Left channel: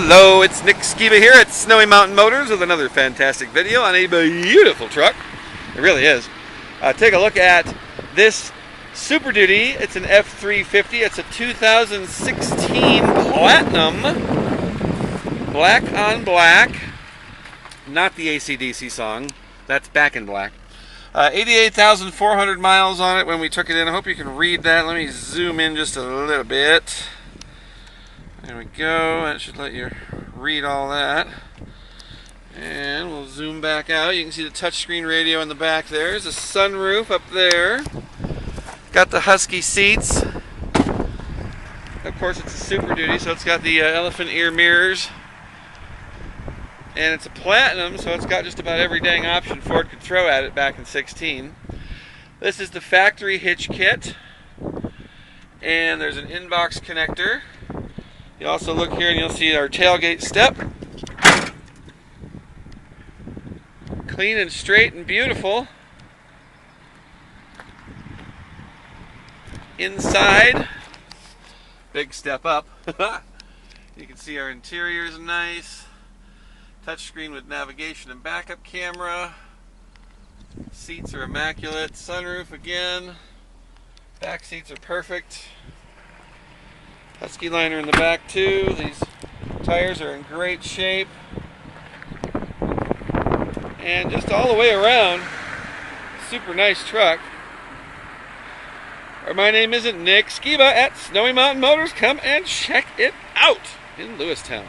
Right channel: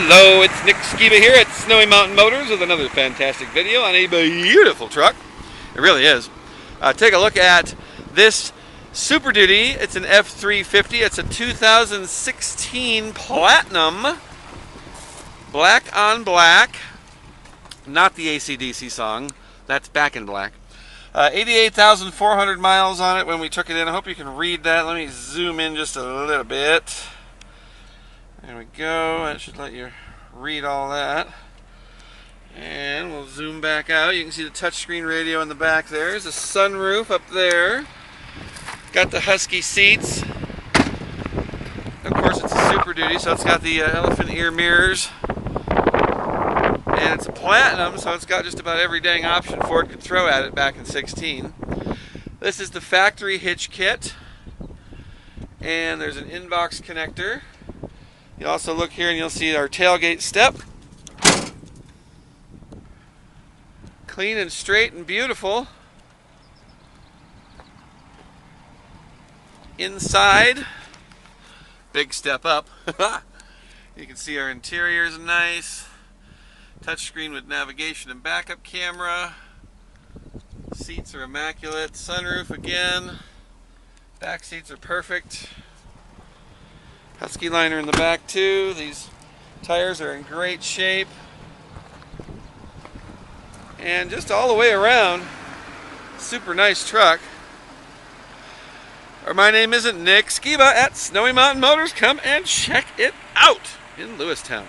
Hello, it's Nick Skiba here at Snowy Mountain Motors with another fantastic video on a beautiful truck. It really is. Take a look at this Super Duty. It's an F-350. It's a 2016 Platinum. Black on black. Not the AC/DC song. That's Back in Black. 88,400 miles on it when we took it in. I hope you can read that. Let me zoom in just a little bit. There we go. That should let you read all that. And we'll zoom back out. You can see the touchscreen radio in the back there. There's a sunroof up there. Got the Husky seats. Of course, it's a Super Duty, so it's got the elephant ear mirrors. And it's a Platinum, so it's got just about every dang option Ford could throw at it back in 16. This is the factory hitch kit. And there's an inbox connector. You also look here and you'll see our tailgate step. Clean and straight and beautiful. Inside, big step up. You can see our interior is nice. Touchscreen with navigation and backup camera. Seats are immaculate. Sunroof again. Back seats are perfect. Husky liner in the back too. These tires are in great shape. And just all the way around, super nice truck. My name isn't Nick Skiba at Snowy Mountain Motors. Come and check it out in Lewistown.